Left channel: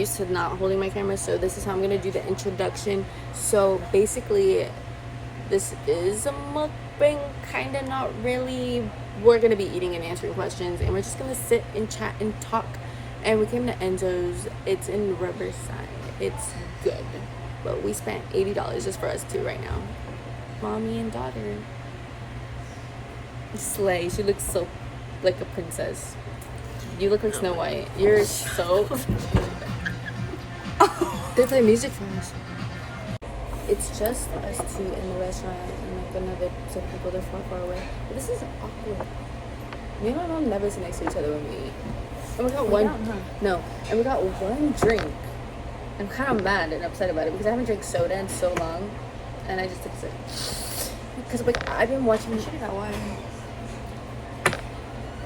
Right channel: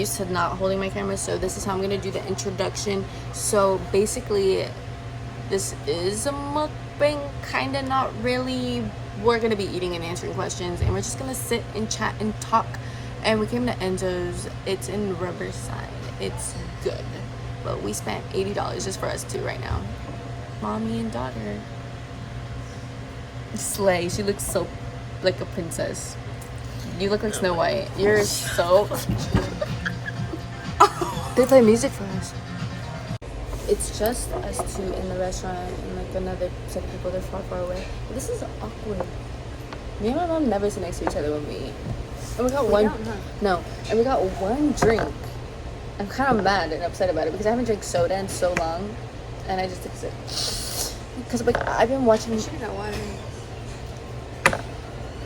used to not holding my camera, so this is how I'm gonna do the introduction. So basically, this is a mukbang, kind of, not really. We're gonna be eating and answering questions, and we're just gonna sit and chat and talk. And we came to Enzo's. It's in Riverside. It's good, but we spent $80 just for us two right now. Mommy and daughter. Slay. She looks so like a princess. You look like Snow White. You're so. They play music for us. It's just us two in the restaurant and like another set of people. They're far away. But this is awkward. Me and my mom never sit next to each other when we eat. And we got and we got one drink. I'm kind of mad and upset about it because I haven't drank soda in so long, and I just took a sip. Because like I've been watching. You should have got water.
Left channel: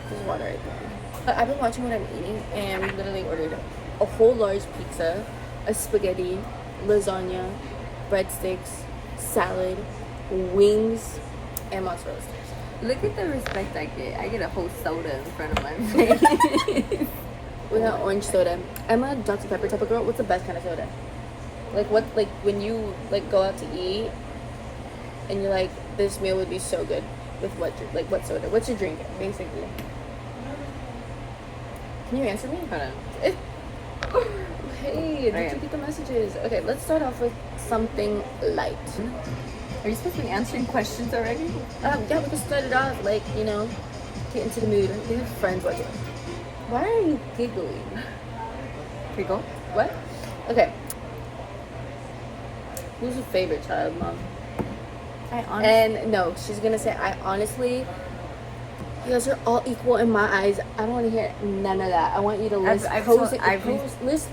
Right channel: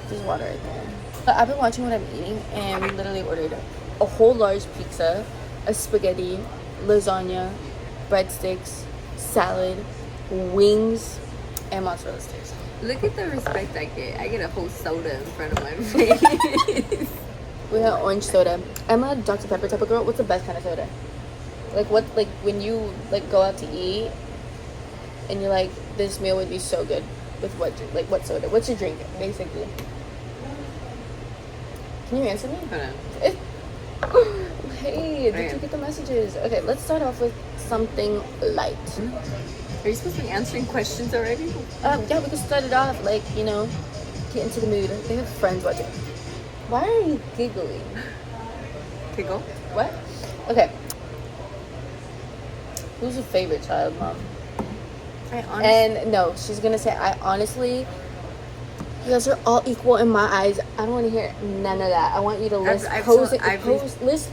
There's water right there. But I've been watching what I'm eating, and we literally ordered a whole large pizza, a spaghetti, lasagna, breadsticks, salad, wings, and mozzarella sticks. Look at the respect I get. I get a whole soda in front of my face. We got orange soda. I'm a Dr. Pepper type of girl. What's the best kind of soda? Like what? Like when you like go out to eat, and you're like, this meal would be so good with what drink? Like what soda? What's your drink basically? Can you answer me? Hold on. Hey, did you get the messages? Okay, let's start off with something light. Are you supposed to be answering questions already? Yeah, we can start it off, like, you know, get into the mood. They have friends watching. Why are you giggling? Giggle? What? Okay. Who's your favorite child, Mom? And no, she's gonna say, I honestly, you guys are all equal in my eyes. I don't want to hear none of that. I want you to list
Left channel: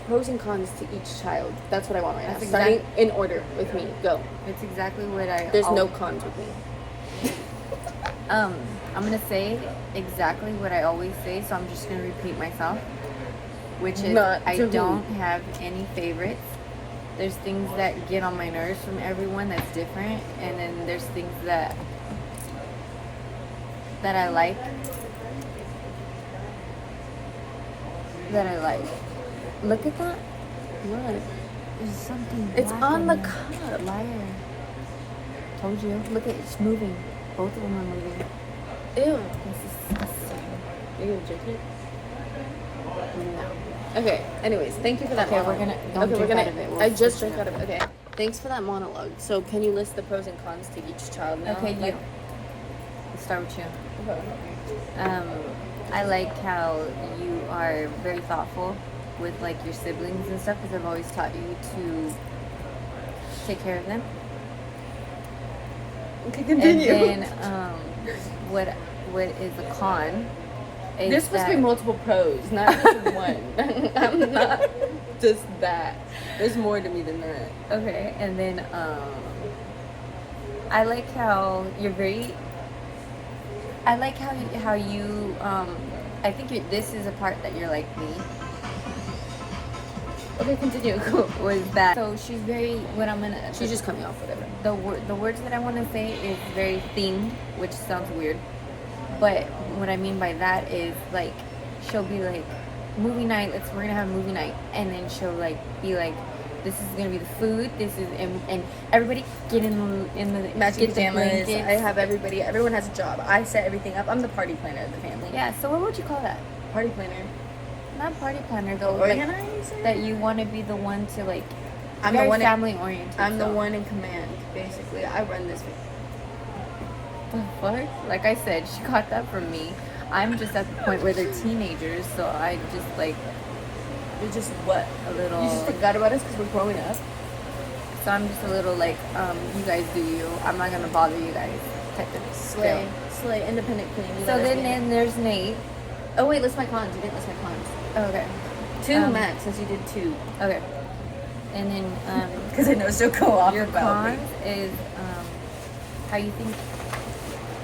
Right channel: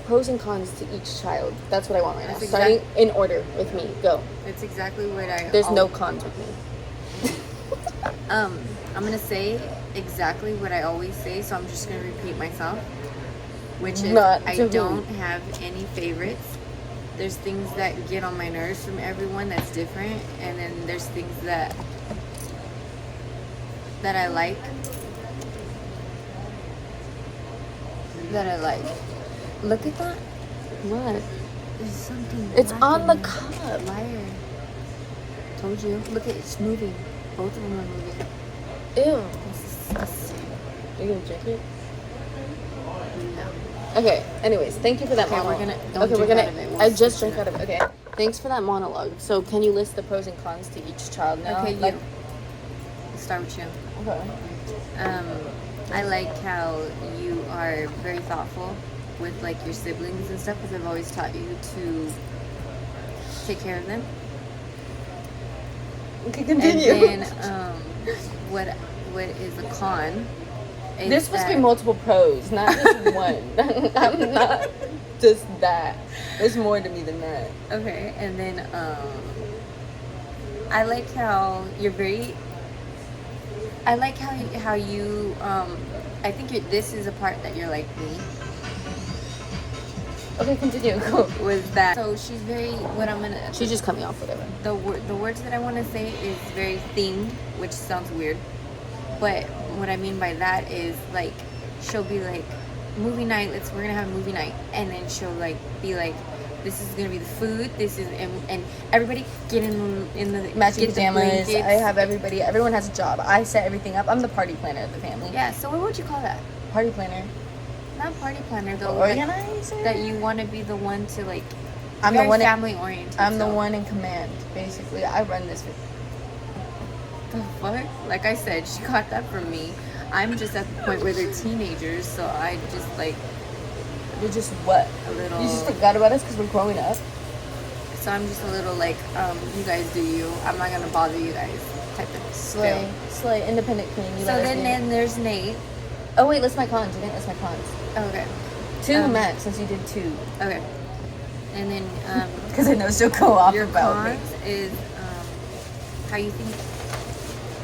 pros and cons to each child. That's what I want right now. Starting in order with me. Go. It's exactly what There's no cons with me. I'm gonna say exactly what I always say, so I'm just gonna repeat myself, which is I don't have any favorites. There's things that get on my nerves from everyone that's different, and then there's things that I like. Look at that. What? There's something. It's on the cup. Liar. Told you. Look at it. It's moving. Both of them are moving. Ew. This is disgusting. Are you gonna drink it? No. Okay. Anyways, thank you for that. Okay, monologue. Out of it. I just drank out of it. Okay. Thanks for that monologue. So, can you list the pros and cons to each child now? Okay, Let's start with you. Okay. I like how you are very thoughtful with like your siblings and stuff, because I've always taught you to take care of them. Okay, continue. And then what is a con is there's supposed to be multiple pros, not just one. I'm not just that. There's more to me than that. Okay. And then I like how you're very I like how you I think this is a part that you're like me. Okay, continue. Go. Was that so? She's very She's just coming off whatever. The words that I want to say is very themed, which sounds weird, but what I mean by that is like she'll be like movie night. We're gonna have a movie night, and then she'll like be like, this is gonna be the food. This is and everybody get in the matching pajamas. I have everybody. Everyone has a job. I set everything up. I'm the party planner of the family. Yeah. So what would you call that? Party planner. Not party planner though. Like, that you want to be the one to like. I'm the one family oriented. I'm the one in command. Basically, I run this. The fuck? Like I said, she got that from me. I'm just at the point where they're teenagers, so I just like. You're just what? A little. You just forgot about us because we're growing up. So I'm just a little like, you guys do you. I'm not gonna bother you guys. Type of slay, independent queen. So then there's Nate. Oh wait, list my cons. You didn't list my cons. Okay. 2 max, since you did 2. Okay. And then because I know she'll go off. Your cons is how you think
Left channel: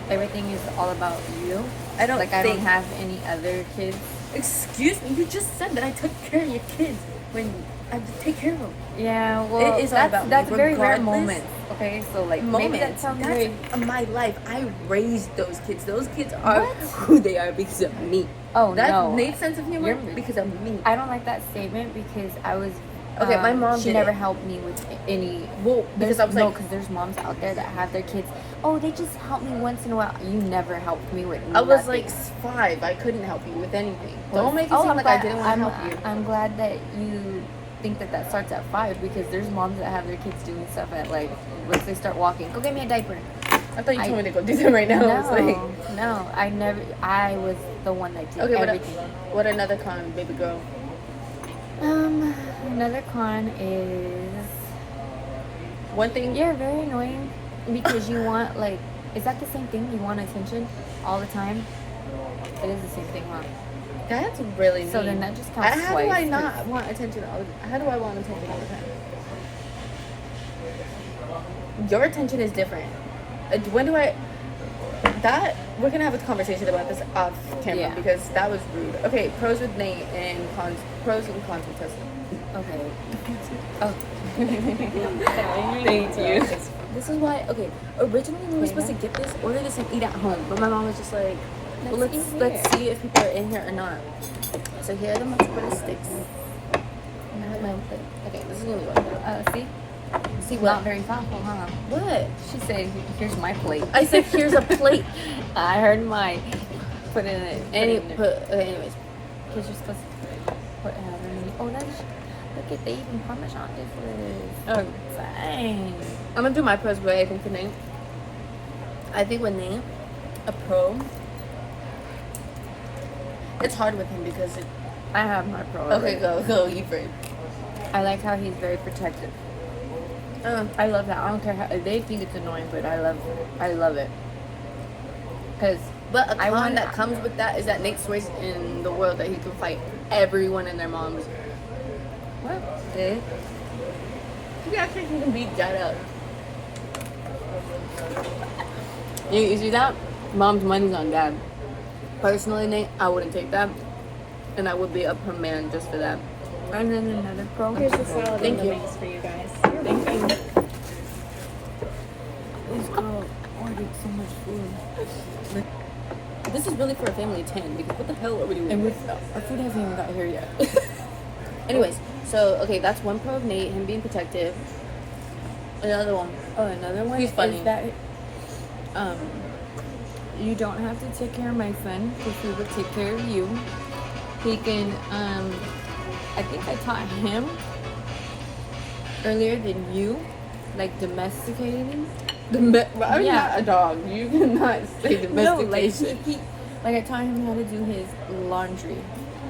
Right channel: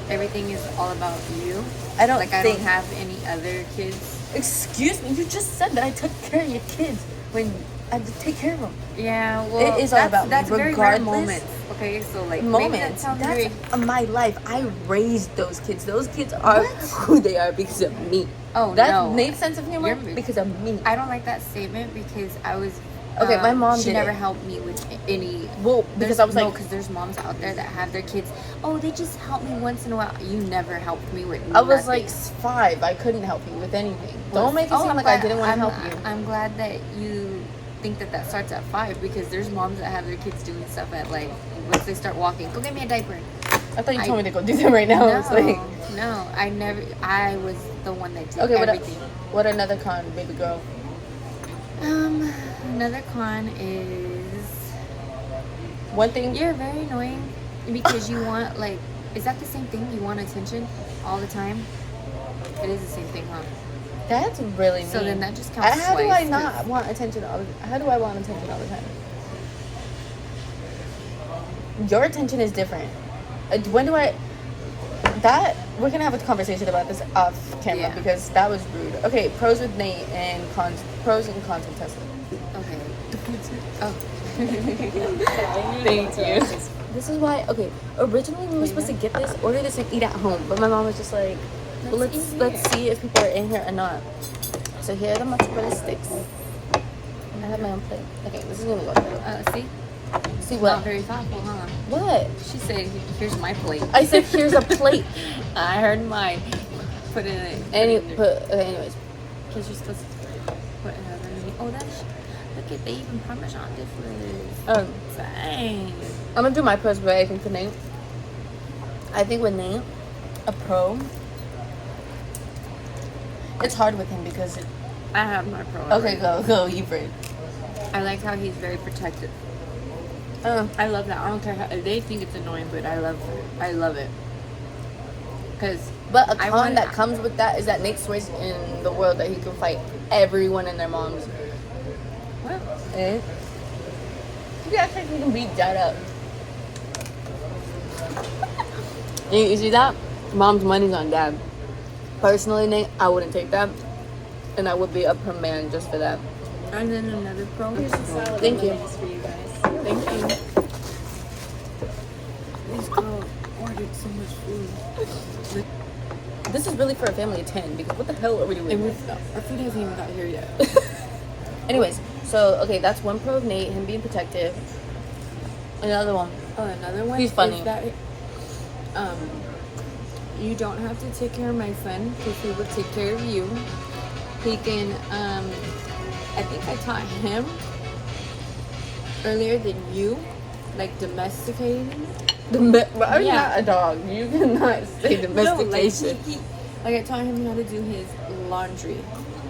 everything is all about you. I don't have any other kids. Excuse me, you just said that I took care of your kids when I have to take care of them. Yeah, well, it is all about that's me, very rare moments. Okay, so like moments. Maybe that sounds that's very my life. I raised those kids. Those kids are who they are because of me. Oh, That no. makes sense of humor You're- because of me. I don't like that statement because I was. Okay, my mom She did never it. helped me with any. Well, because I was like, because there's moms out there that have their kids. Oh, they just help me once in a while. You never helped me with. I was nothing. like 5. I couldn't help you with anything. Well, Don't make it seem I'm like I glad- didn't want to I'm- help you. I'm glad that you think that starts at 5 because there's moms that have their kids doing stuff at like once they start walking. Go get me a diaper. I thought you told me to go do that right now. I was like, No, I never. I was the one that did okay, everything. what another con, baby girl? Another con is One thing. you're very annoying because you want like. Is that the same thing? You want attention all the time. It is the same thing, huh? That's really mean. So then that just counts How do I twice, not 'cause- want attention? How do I want attention all the time? Your attention is different. When do I? That we're gonna have a conversation about this off camera Yeah. because that was rude. Okay, pros with Nate and cons. Pros and cons with Tesla. Okay. Oh. Thank you. This is why. Okay, originally we were supposed to get this, order this, and eat at home, but my mom was just like, well, Let's eat let's here. see if people are in here or not. So here are the mozzarella sticks. I have my own plate. Okay, this is gonna go. See? See Not what? very thoughtful, huh? What? She said, "Here's my plate." I said, here's a plate. I heard my. Put it in it. Anyways. Because you're supposed to put it. Oh, that's. Look at they even Parmesan this was. Um, Dang. I'm gonna do my pros, but I think for Nate, I think with Nate, a pro. It's hard with him because. I have my pro. Okay, go, you first. I like how he's very protective. I love that. I don't care how they think it's annoying, but I love it. Cause But a I con want- that comes with that is that Nate swears in the world that he can fight everyone and their moms. what? Eh? You act like you can beat dad up. You see that? Mom's money's on dad. Personally, Nate, I wouldn't take that. And I would be up her man just for that. And then another pro. Here's the salad Thank you. bowls for you guys. Thank you. This girl ordered so much food. This is really for a family of 10 because what the hell are we doing? And our food hasn't even got here yet. Anyways, so, okay, that's one pro of Nate, him being protective. Another one. Oh, another one He's funny. is that you don't have to take care of my friend because he will take care of you. He can I think I taught him earlier than you, like domesticating. I'm Yeah. not a dog. You cannot say domestication. Like I taught him how to do his laundry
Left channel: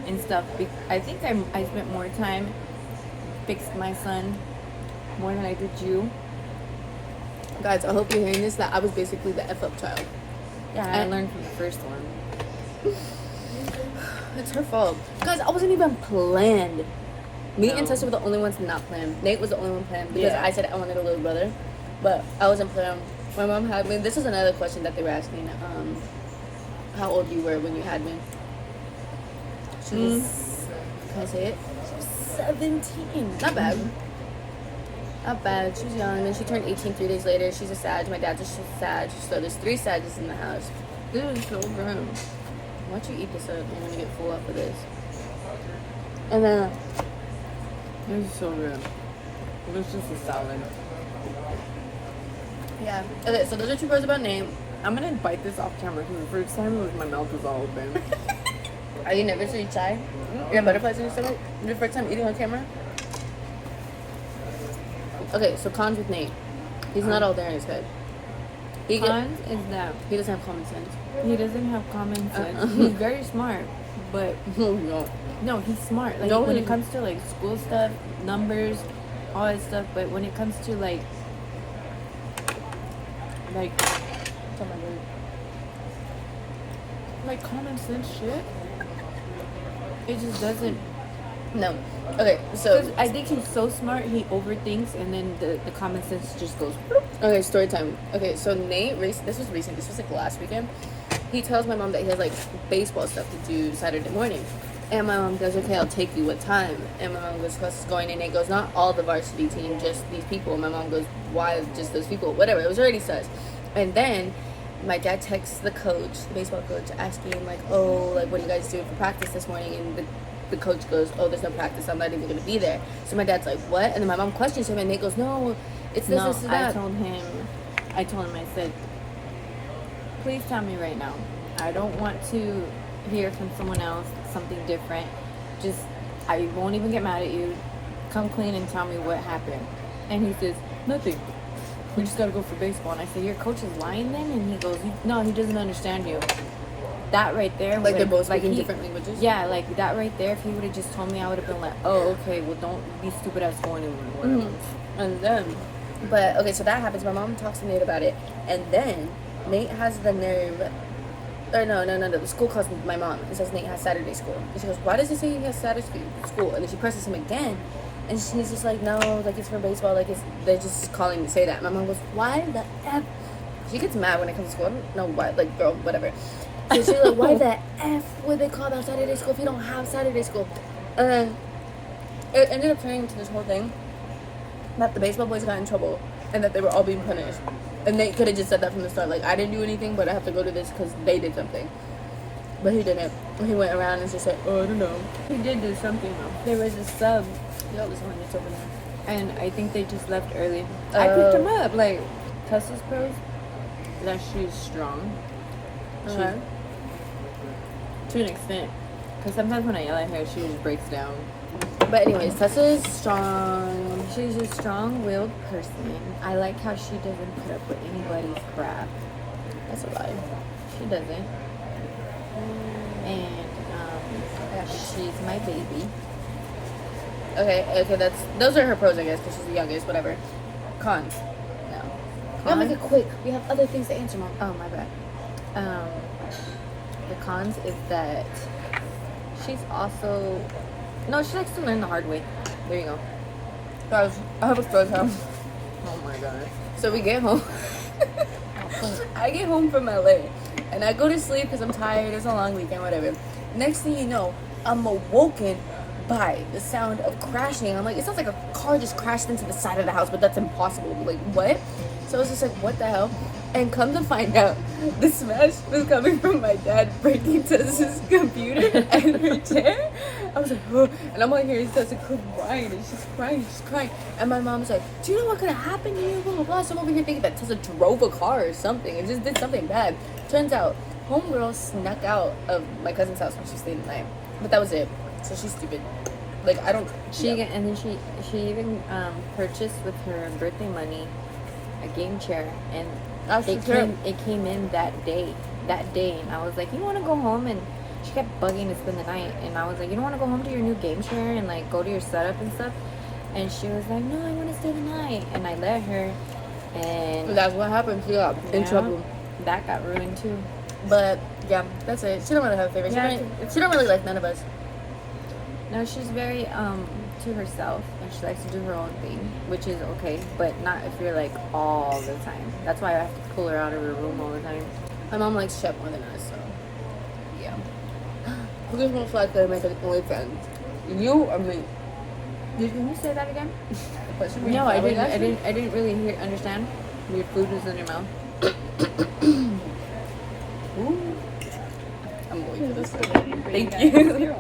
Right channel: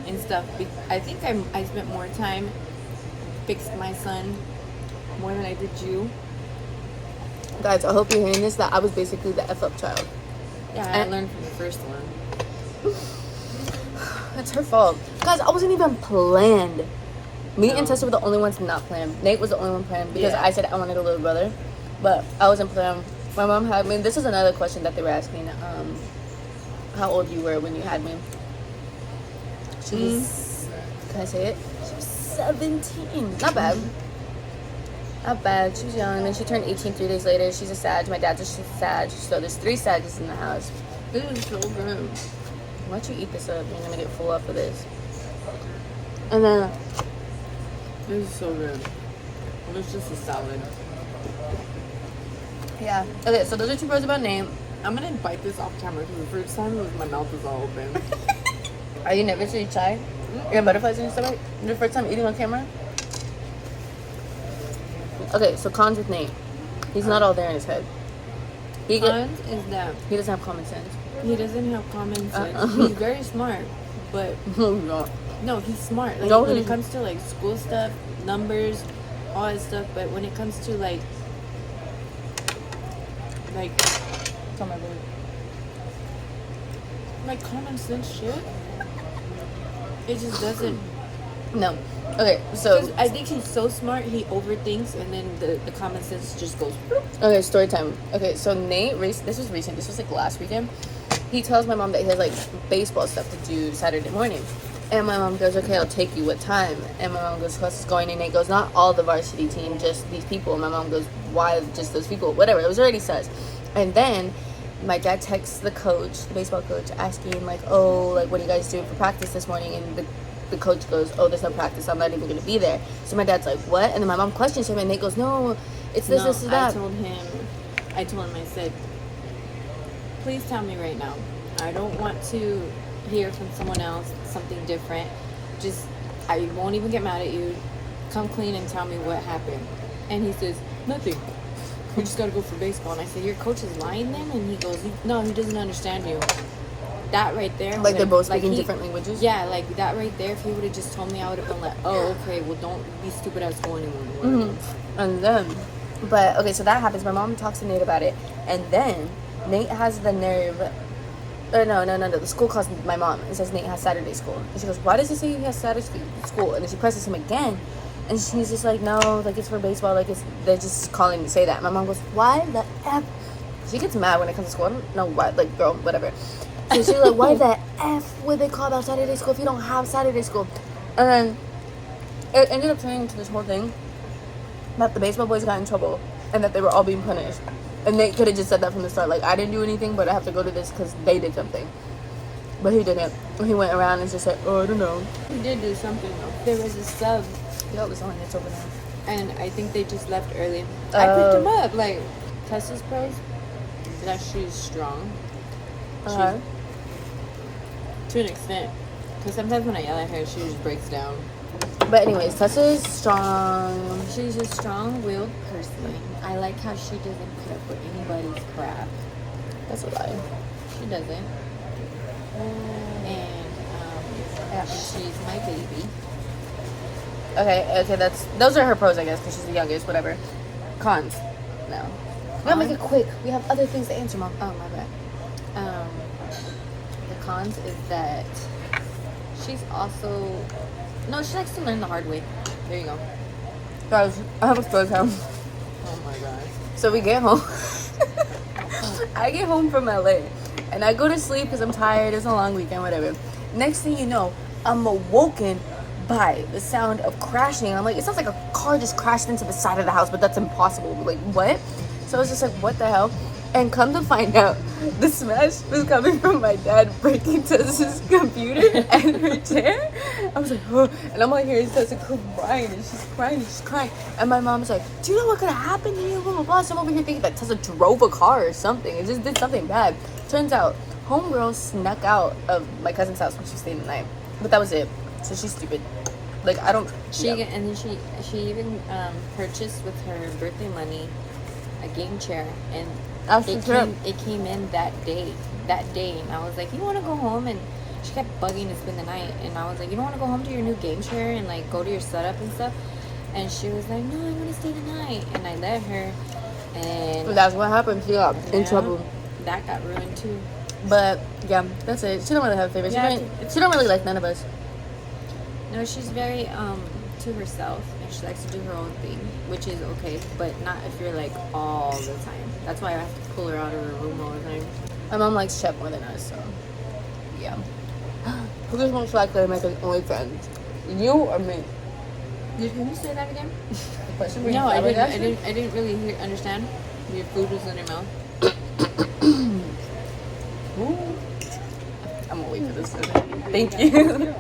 and stuff. I think I spent more time fixed my son more than I did you. Guys, I hope you're hearing this, that I was basically the F up child. Yeah, I learned from the first one. It's her fault. Guys, I wasn't even planned. Me and No. Tessa were the only ones not planned. Nate was the only one planned because Yeah. I said I wanted a little brother. But I wasn't planned. My mom had me. This is another question that they were asking. How old you were when you had me. She was, can I say it? She was 17. Not bad. Not bad. She was young. And then she turned 18 3 days later. She's a Sag. My dad's a Sag. So there's 3 Sages in the house. This is so good. Why don't you eat this up? You're gonna get full off of this. And then This is so good. It's just a salad. yeah. Okay, so those are 2 pros about Nate. I'm gonna bite this off camera because the first time my mouth was all open. Are you nervously shy? You have butterflies in your stomach? Your first time eating on camera? Okay, so cons with Nate. He's not all there in his head. Cons is that He doesn't have common sense. he doesn't have common sense. He's very smart, but No. no, he's smart. Like No, when he's- it comes to like school stuff, numbers, all that stuff. But when it comes to like Tell my baby. like common sense shit, it just doesn't. No. Okay, so I think he's so smart, he overthinks, and then the common sense just goes. bloop. okay, story time. Okay, so Nate this was recent. This was like last weekend. He tells my mom that he has like baseball stuff to do Saturday morning. And my mom goes, okay, I'll take you. What time? And my mom goes, what's going? And Nate goes, not all the varsity team, just these people. And my mom goes, why just those people? Whatever. It was already sus. And then my dad texts the coach, the baseball coach, asking like, oh, like, what do you guys do for practice this morning? And the coach goes, oh, there's no practice. I'm not even going to be there. So my dad's like, what? And then my mom questions him, and Nate goes, no, it's this, this, and that. I told him, I said, please tell me right now. I don't want to hear from someone else something different. Just, I won't even get mad at you. Come clean and tell me what happened. And he says, nothing. We just got to go for baseball. And I said, your coach is lying then? And he goes, no, he doesn't understand you. That right there. Like, they're both speaking different languages? Yeah, like that right there. If he would have just told me, I would have been like, oh, okay, well, don't be stupid ass going anywhere. And then, but, okay, so that happens. My mom talks to Nate about it. And then Nate has the nerve. Or no. The school calls my mom and says Nate has Saturday school. And she goes, why does he say he has Saturday school? And then she presses him again. And she's just like, no, like, it's for baseball. Like, they're just calling to say that. And my mom goes, why the F? She gets mad when it comes to school. I don't know why. Like, girl, whatever. So she's like, why the F would they call that Saturday school if you don't have Saturday school? And then it ended up turning into this whole thing that the baseball boys got in trouble and that they were all being punished. And Nate could have just said that from the start. Like, I didn't do anything, but I have to go to this because they did something. But he didn't. He went around and just said, oh, I don't know. He did do something, though. There was a sub. Yo, there's only it's over there. And I think they just left early. I picked him up. Like, Tessa's pros, that she's strong. Uh-huh. To an extent. Because sometimes when I yell at her, she just breaks down. But anyways, Tessa's strong. She's a strong-willed person. I like how she doesn't put up with anybody's crap. That's a lie. She doesn't. And she's my baby. Okay, those are her pros, I guess, because she's the youngest, whatever. Cons. No. We gotta make it quick. We have other things to answer, Mom. Oh, my bad. The cons is that she's also... No, she likes to learn the hard way. There you go. Guys, I have a story time. Oh my gosh. So we get home. I get home from LA, and I go to sleep because I'm tired. It's a long weekend, whatever. Next thing you know, I'm awoken by the sound of crashing. And I'm like, it sounds like a car just crashed into the side of the house, but that's impossible. Like, what? So I was just like, what the hell? And come to find out, the smash was coming from my dad breaking Tessa's computer and her chair. I was like, oh. And I'm like, here's Tessa crying, and she's crying. And my mom's like, do you know what could have happened to you? Blah, blah, blah. So I'm over here thinking that Tessa drove a car or something. It just did something bad. Turns out, homegirl snuck out of my cousin's house when she stayed the night. But that was it. So she's stupid. Like, I don't... And then she even purchased with her birthday money a game chair, and it came in that day, and I was like, you want to go home? And she kept bugging to spend the night, and I was like, you don't want to go home to your new game chair and like go to your setup and stuff? And she was like, no, I want to stay the night. And I let her, and that's what happened. She got in trouble. That got ruined too. But yeah, that's it. She don't really have favorites. She don't really like none of us. No, she's very to herself, and she likes to do her own thing, which is okay, but not if you're like all the time. That's why I have to pull her out of her room all the time. My mom likes Shep more than us, so yeah. Who is most likely to make an OnlyFans? You or me? Did you say that again? No, I didn't really understand. Your food was in your mouth. Ooh. I'm gonna wait for this. Okay. Thank you.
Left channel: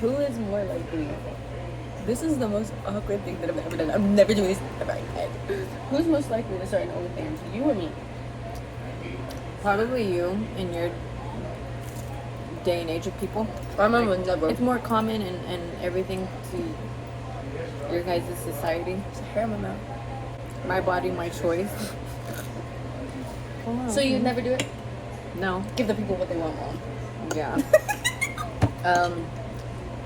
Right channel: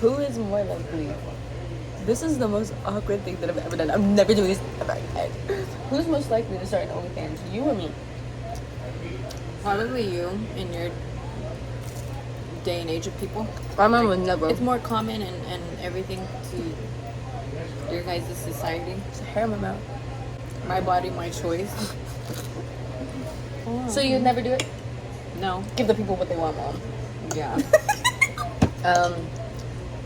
Who is more likely? This is the most awkward thing that I've ever done. I'm never doing this ever again. Who's most likely to start an OnlyFans? You or me? Probably you in your day and age of people. My mom would never. It's more common and everything to your guys' society. There's a hair in my mouth. My body, my choice. So you'd never do it? No. Give the people what they want, Mom. Yeah.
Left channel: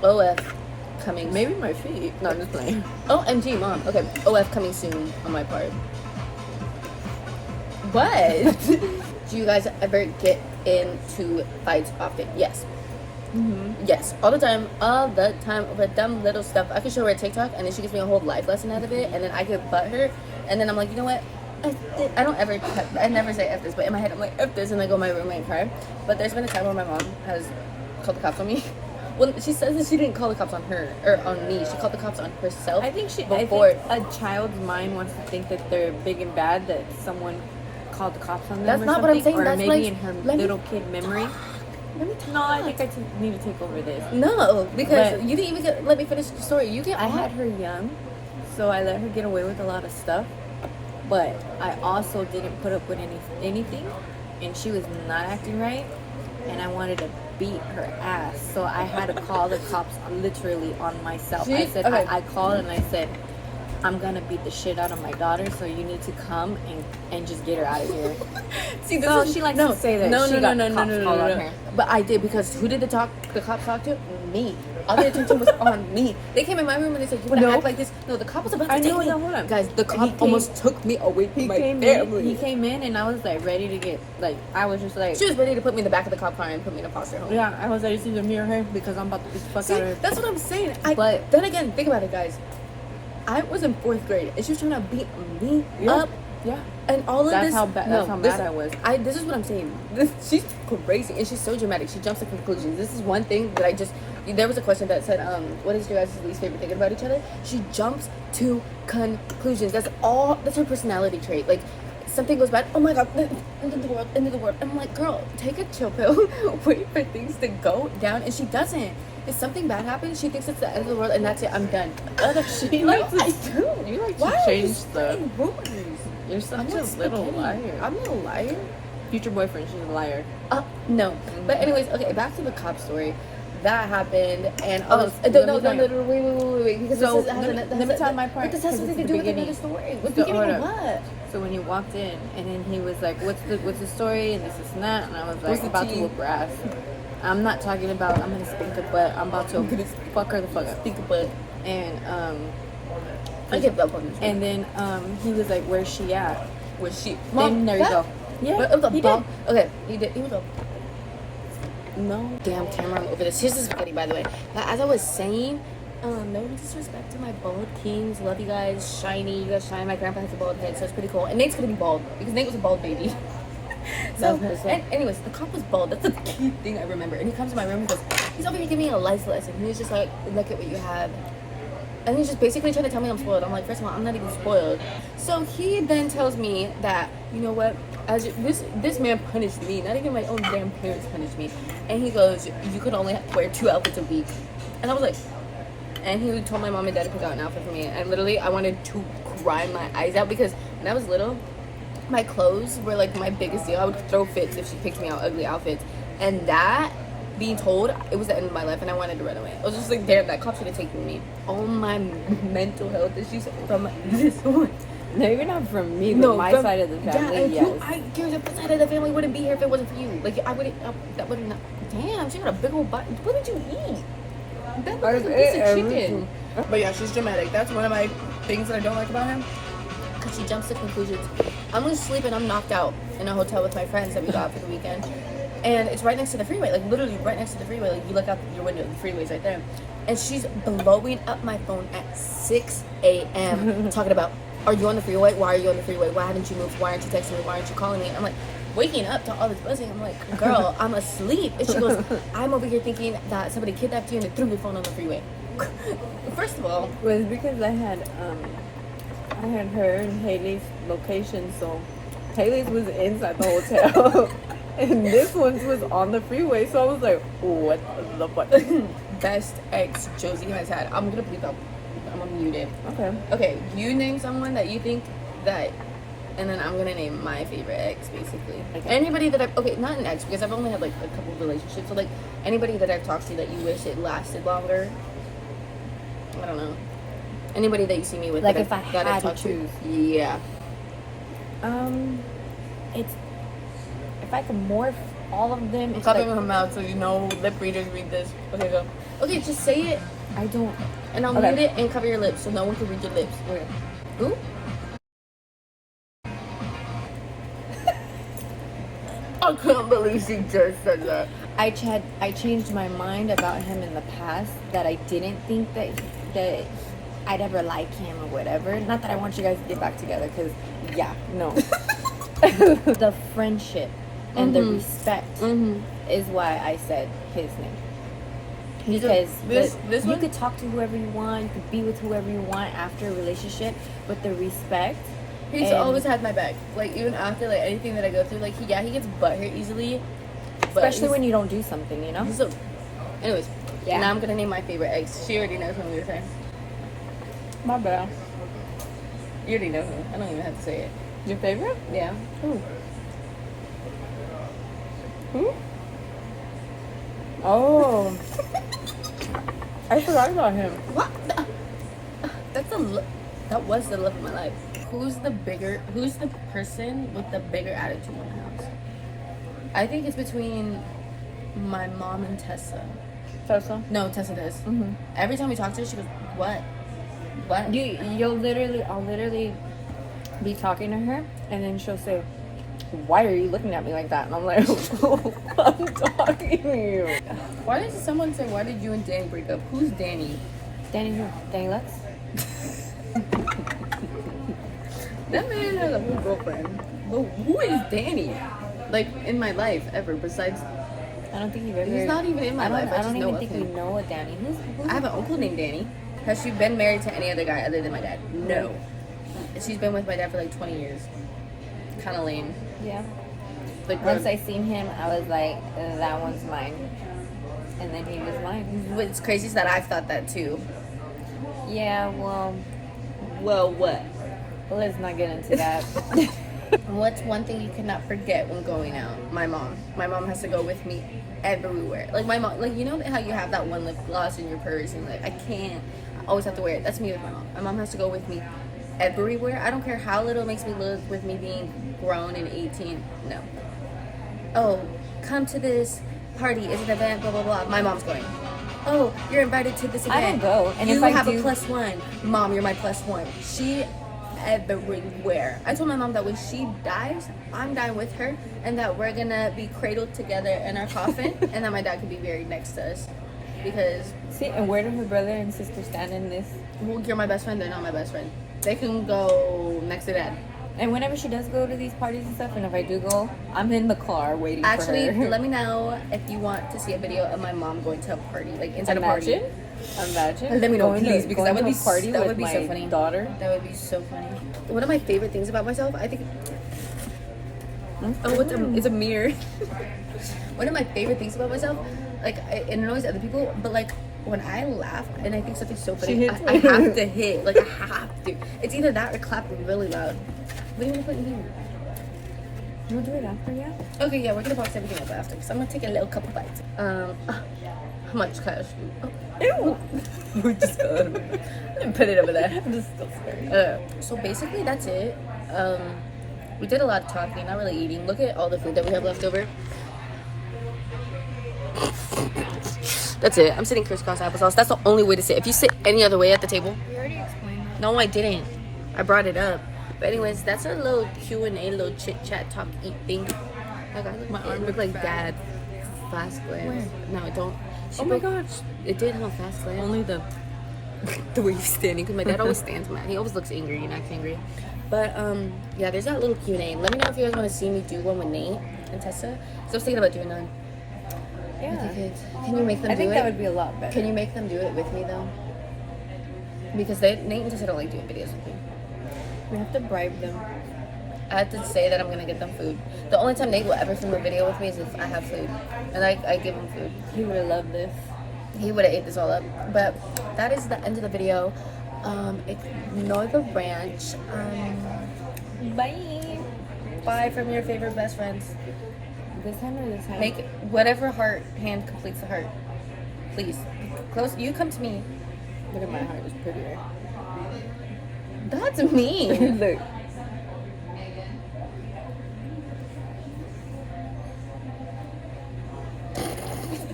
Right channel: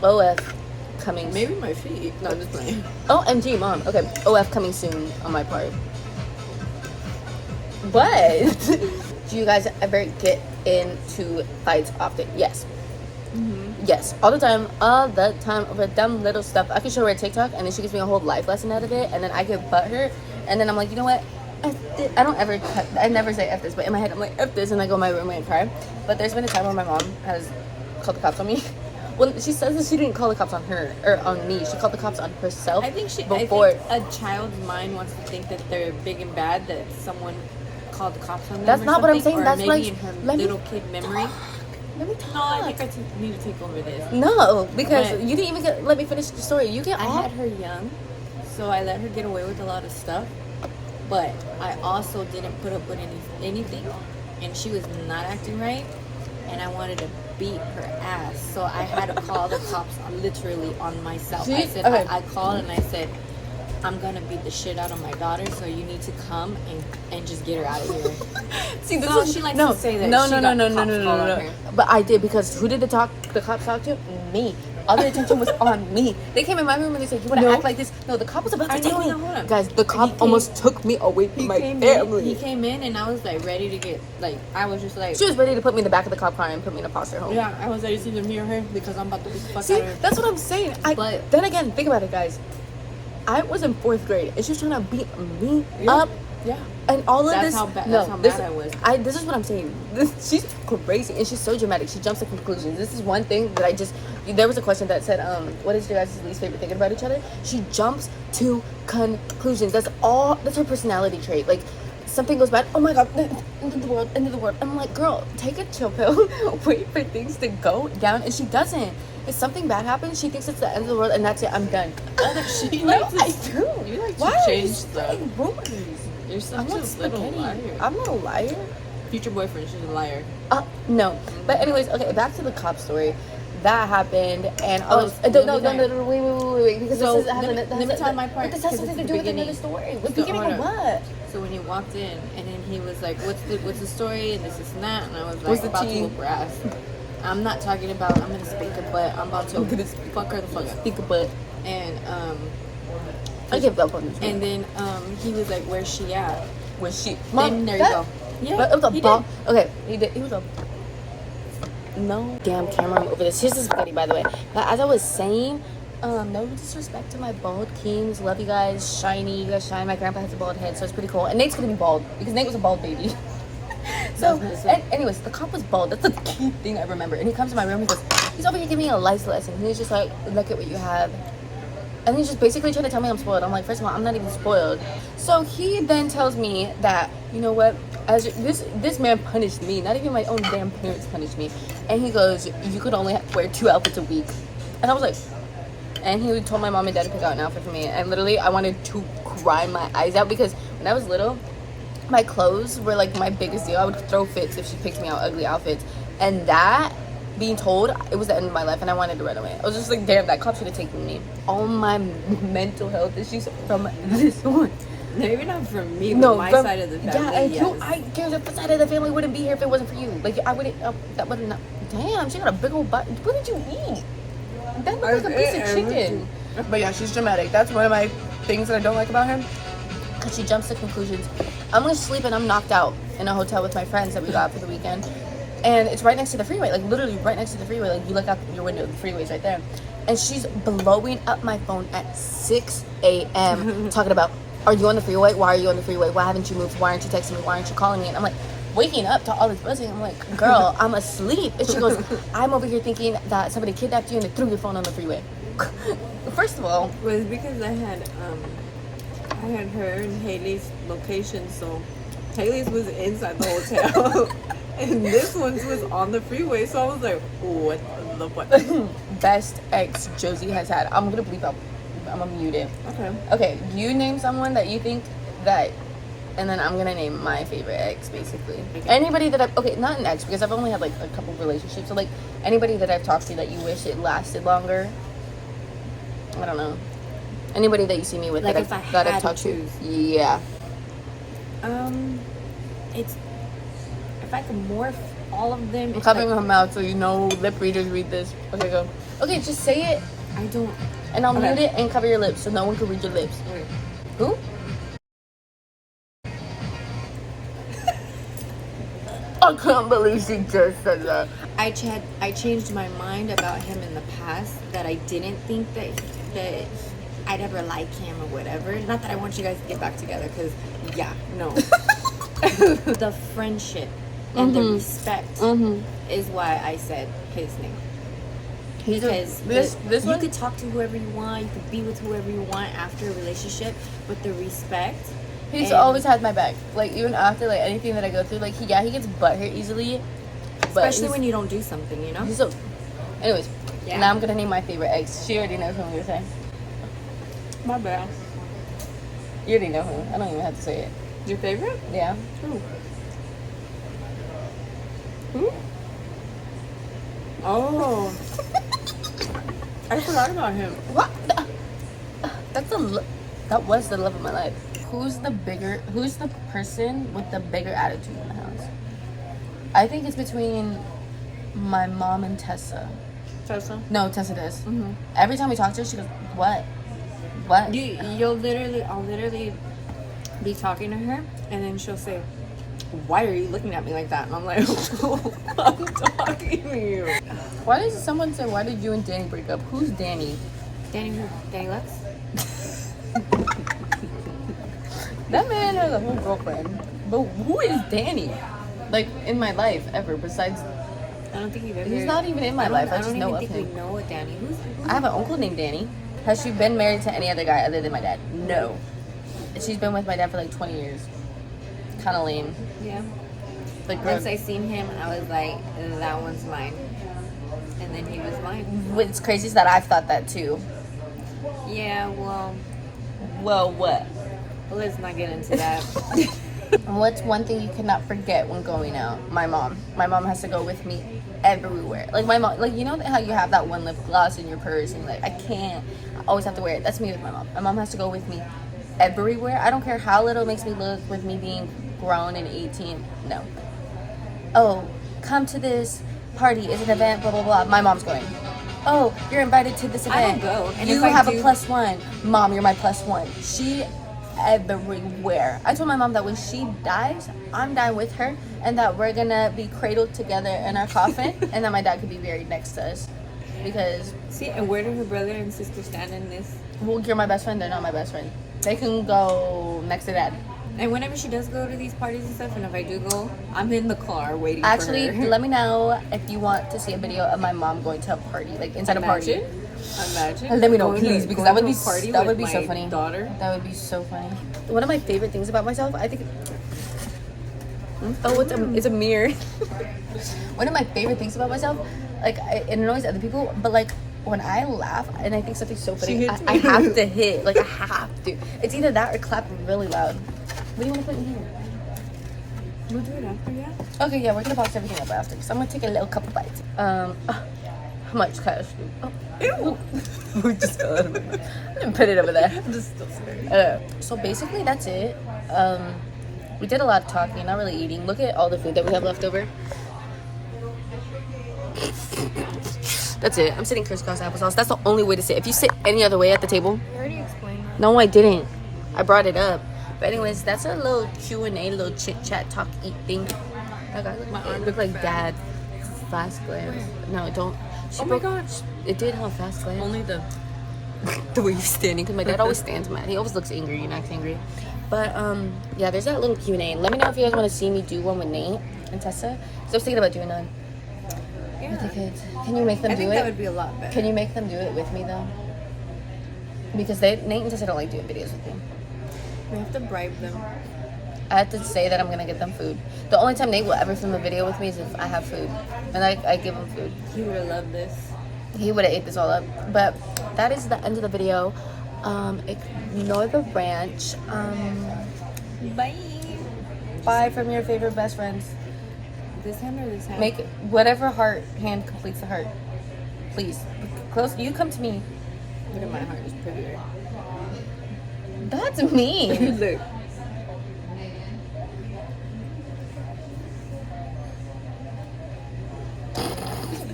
OF coming. Maybe my feet. No, I'm just playing. OMG, Mom. Okay, OF coming soon on my part. But do you guys ever get into fights often? Yes. Mm-hmm. Yes, all the time over dumb little stuff. I can show her a TikTok, and then she gives me a whole life lesson out of it, and then I get butthurt, and then I'm like, you know what? I don't ever I never say F this, but in my head I'm like F this, and I go in my room and cry. But there's been a time where my mom has called the cops on me. Well, she says that she didn't call the cops on her or on me. She called the cops on herself. I think before. I think a child's mind wants to think that they're big and bad, that someone called the cops on them. That's or not what I'm something, saying. Or That's maybe like, in her let me- little kid memory. Let me No, I talk. think I need to take over this. No, because But- you didn't even let me finish the story. You get I all- had her young, so I let her get away with a lot of stuff. But I also didn't put up with anything, and she was not acting right, and I wanted to beat her ass. So I had to call the cops literally on myself. I said, Okay. I called and I said, I'm gonna beat the shit out of my daughter, so you need to come and just get her out of here. See, So she likes to say that she got cops called on her. But I did, because who did the cops talk to? Me. All the attention was on me. They came in my room and they said, "You want to No. act like this?" No, the cop was about to I take know, me. no, hold on. Guys, the cop came- almost took me away from my He family. came in and I was like ready to get I was just like, She was ready to put me in the back of the cop car and put me in a foster home. yeah, I was ready to either me or her because I'm about to beat the fuck See, out of her. that's what I'm saying. But- then again, think about it, guys. I was in 4th grade and she was trying to beat me up. Yeah. And all of That's this, how bad. no, That's how this- mad I was. This is what I'm saying. She's crazy and she's so dramatic. She jumps to conclusions. This is one thing that there was a question that said, what is your guys' least favorite thing about each other? She jumps to conclusions. That's her personality trait. Like, something goes bad, oh my god, end of the world. I'm like, girl, take a chill pill, wait for things to go down, and she doesn't. If something bad happens, she thinks it's the end of the world, and that's it, I'm done. You like to change stuff. Rumors? You're such I'm a not little spaghetti. liar. I'm not a liar. Future boyfriend, she's a liar. No. But anyways, okay, back to the cop story. That happened, and Oh, no, wait, because So, this let me tell my part, This has 'cause something it's to the do with beginning. another story. What So, beginning of hold what? So when you walked in, and then he was like, "What's the story?" and this and that, and I was like, What's the "About tea? to whoop her ass." I'm not talking about I'm gonna speak her butt. I'm about to fuck her the fuck up. Speak a butt. And I give up on you. and then he was like, "Where's she at?" Was she? Then there you go. Yeah, But it was a he ball. did. Okay, he did. He was a. No. Damn camera, I'm over this. Here's this buddy, by the way. But as I was saying, no disrespect to my bald kings. Love you guys. Shiny. You guys shine. My grandpa has a bald head, so it's pretty cool. And Nate's gonna be bald because Nate was a bald baby. So, anyways, the cop was bald. That's the key thing I remember. And he comes to my room. He goes, he's over here giving me a life lesson. He was just like, look at what you have. And he's just basically trying to tell me I'm spoiled. I'm like, first of all, I'm not even spoiled. So he then tells me that, you know what, as this man punished me. Not even my own damn parents punished me. And he goes, you could only wear 2 outfits a week. And I was like, and he told my mom and dad to pick out an outfit for me. And literally, I wanted to cry my eyes out because when I was little, my clothes were like my biggest deal. I would throw fits if she picked me out ugly outfits. And that, being told, it was the end of my life and I wanted to run away. I was just like, damn, that cop should have taken me. All my mental health issues from this one. Maybe not from me, but No, my from, side of the yeah, family. and Yes. the side of the family wouldn't be here if it wasn't for you. Like, I wouldn't, that would not, damn, she got a big old butt. What did you eat? That looked like a piece of chicken. But yeah, she's dramatic. That's one of my things that I don't like about her. Because she jumps to conclusions. I'm going to sleep and I'm knocked out in a hotel with my friends that we got for the weekend. And it's right next to the freeway. Like, literally right next to the freeway. Like, you look out your window, the freeway's right there. And she's blowing up my phone at 6 a.m. talking about, are you on the freeway? Why are you on the freeway? Why haven't you moved? Why aren't you texting me? Why aren't you calling me? And I'm like, waking up to all this buzzing. I'm like, girl, I'm asleep. And she goes, I'm over here thinking that somebody kidnapped you and they threw your phone on the freeway. First of all, It was because I had her and Haley's location, so Haley's was inside the hotel and this one's was on the freeway, so I was like, what the fuck? best ex Josie has had. I'm gonna bleep out. I'm gonna mute it. Okay. Okay, you name someone that you think that, and then I'm gonna name my favorite ex, basically. Okay. Anybody that I've, okay, not an ex, because I've only had like a couple of relationships, so like anybody that I've talked to that you wish it lasted longer. I don't know. Anybody that you see me with, Like that if I gotta had to talk choose. Yeah. It's if I could morph all of them. I'm it's covering like, her mouth so you know lip readers read this. Okay, go. Okay, just say it, I don't. and I'll Okay. mute it and cover your lips so no one can read your lips. Okay. Who? I can't believe she just said that. I changed my mind about him in the past, that I didn't think that I'd ever like him or whatever. Not that I want you guys to get back together, because yeah, no. The friendship and the respect is why I said his name. Because this you one? could talk to whoever you want, you could be with whoever you want after a relationship, but the respect He's always had my back. Like, even after, like, anything that I go through, like, he gets butthurt easily. Especially when you don't do something, you know? Anyways, now I'm gonna name my favorite eggs. She already knows who I'm gonna say. My bad. You already know who. I don't even have to say it. Your favorite? Yeah. Who? Oh. I forgot about him. What? That was the love of my life. Who's the person with the bigger attitude in the house? I think it's between my mom and Tessa. Tessa? No, Tessa does. Mm-hmm. Every time we talk to her, she goes, what? I'll literally be talking to her, and then she'll say, why are you looking at me like that? And I'm like, I'm talking to you. Why did someone say, why did you and Danny break up? Who's Danny? Danny who? Danny Lux? That man has a whole girlfriend. But who is Danny? Like, in my life, ever, besides... I don't think you've ever... He's not even in my life. I just know of him. I don't even think you know a Danny. I have an uncle named Danny. Has she been married to any other guy other than my dad? No. She's been with my dad for like 20 years. Kind of lame. Yeah. Like, once I seen him, I was like, that one's mine. And then he was mine. What's crazy is that I've thought that too. Yeah, well... Well, what? Well, let's not get into that. What's one thing you cannot forget when going out? My mom. My mom has to go with me everywhere. Like, my mom, like, you know how you have that one lip gloss in your purse and like, I can't, I always have to wear it. That's me with my mom. My mom has to go with me everywhere. I don't care how little it makes me look with me being grown and 18. No. Oh, come to this party. It's an event, blah, blah, blah. My mom's going. Oh, you're invited to this event. I don't go. And you have a +1. Mom, you're my +1. She everywhere. I told my mom that when she dies, I'm dying with her, and that we're gonna be cradled together in our coffin, and that my dad could be buried next to us. Because see, and where do her brother and sister stand in this? Well, you're my best friend. They're not my best friend. They can go next to dad. And whenever she does go to these parties and stuff, and if I do go, I'm in the car waiting for her. Actually, let me know if you want to see a video of my mom going to a party, like inside a party. Imagine. Let me know, please, because that would be so funny. Daughter. That would be so funny. One of my favorite things about myself, I think. Oh, it's a mirror. One of my favorite things about myself, like it annoys other people, but like when I laugh and I think something's so funny, I have to hit. Like I have to. It's either that or clap really loud. What do you want to put in here? We'll do it after, yeah. Okay, yeah, we're gonna box everything up after. So I'm gonna take a little couple bites. How much cash? Oh, ew! We just got it. Put it over there. This is still scary. So basically, that's it. We did a lot of talking, not really eating. Look at all the food that we have left over. That's it. I'm sitting crisscross applesauce. That's the only way to sit. If you sit any other way at the table. You already explained that. No, I didn't. I brought it up. But anyways, that's a little Q&A, little chit-chat, talk, eat thing. My arm looked like dad. Fast glance. No, don't. Oh my gosh. It did have a fast glance. Only the way he's standing. Because my dad always stands mad. He always looks angry and acts angry. But, yeah, there's that little Q&A. Let me know if you guys want to see me do one with Nate and Tessa. Because I was thinking about doing one. Yeah. Can you make them do it? I think that would be a lot better. Can you make them do it with me, though? Because Nate and Tessa don't like doing videos with me. We have to bribe them. I have to say that I'm gonna get them food. The only time Nate will ever film a video with me is if I have food, and I give him food. He would have loved this. He would have ate this all up. But that is the end of the video. Ignore the ranch. Bye. Bye from your favorite best friends. This hand or this hand? Make whatever heart hand completes the heart. Please, close. You come to me. Look at my heart. It's prettier. That's mean. Look.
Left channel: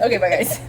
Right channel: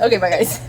Okay, bye guys.